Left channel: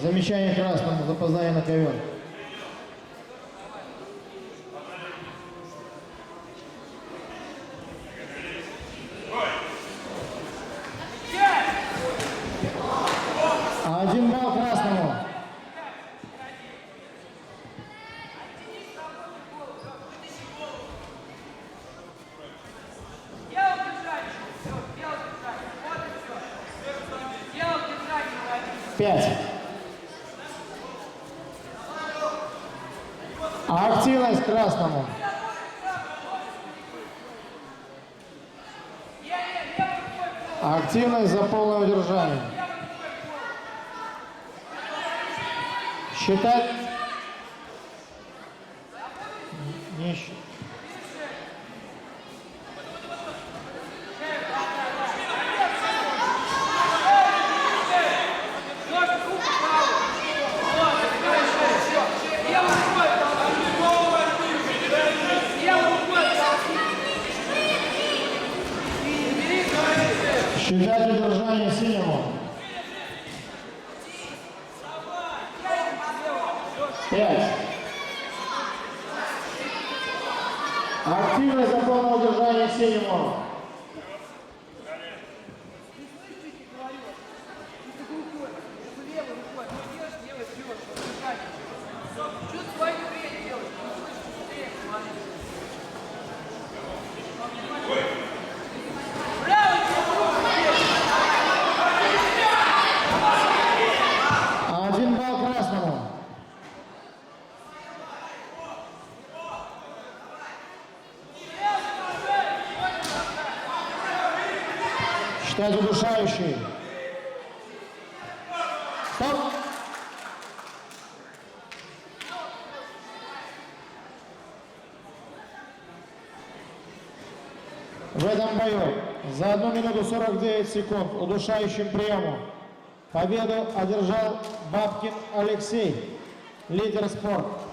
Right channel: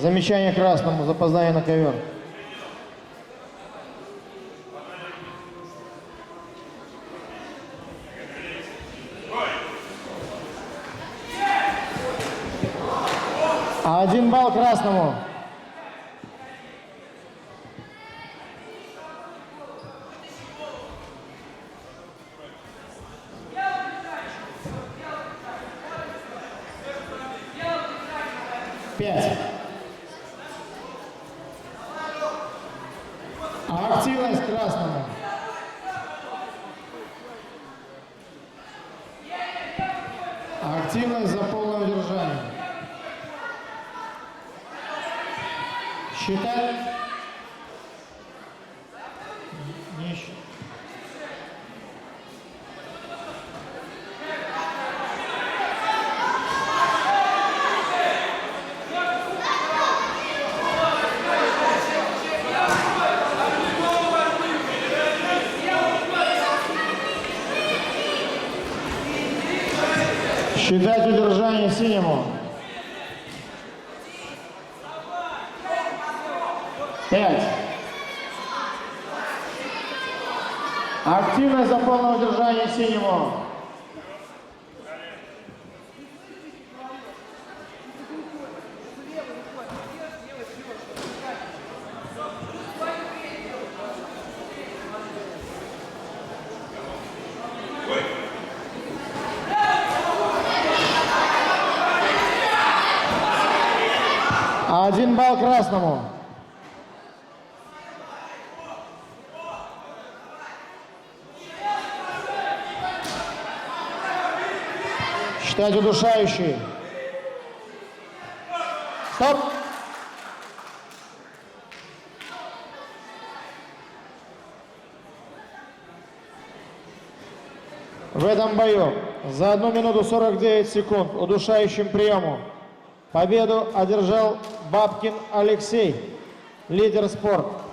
Замечание красному, запоздание на ковер. Один балл красному. Пять. Активность красному. Активность за полное удержание. Считать. Не считать. Считать удержание синему. 5. Активность за полное удержание синему. Один балл красному. Считать удушающий. Стоп. В этом бою за 1 минуту 49 секунд удушающим приемом победу одержал Бабкин Алексей, лидер спорта.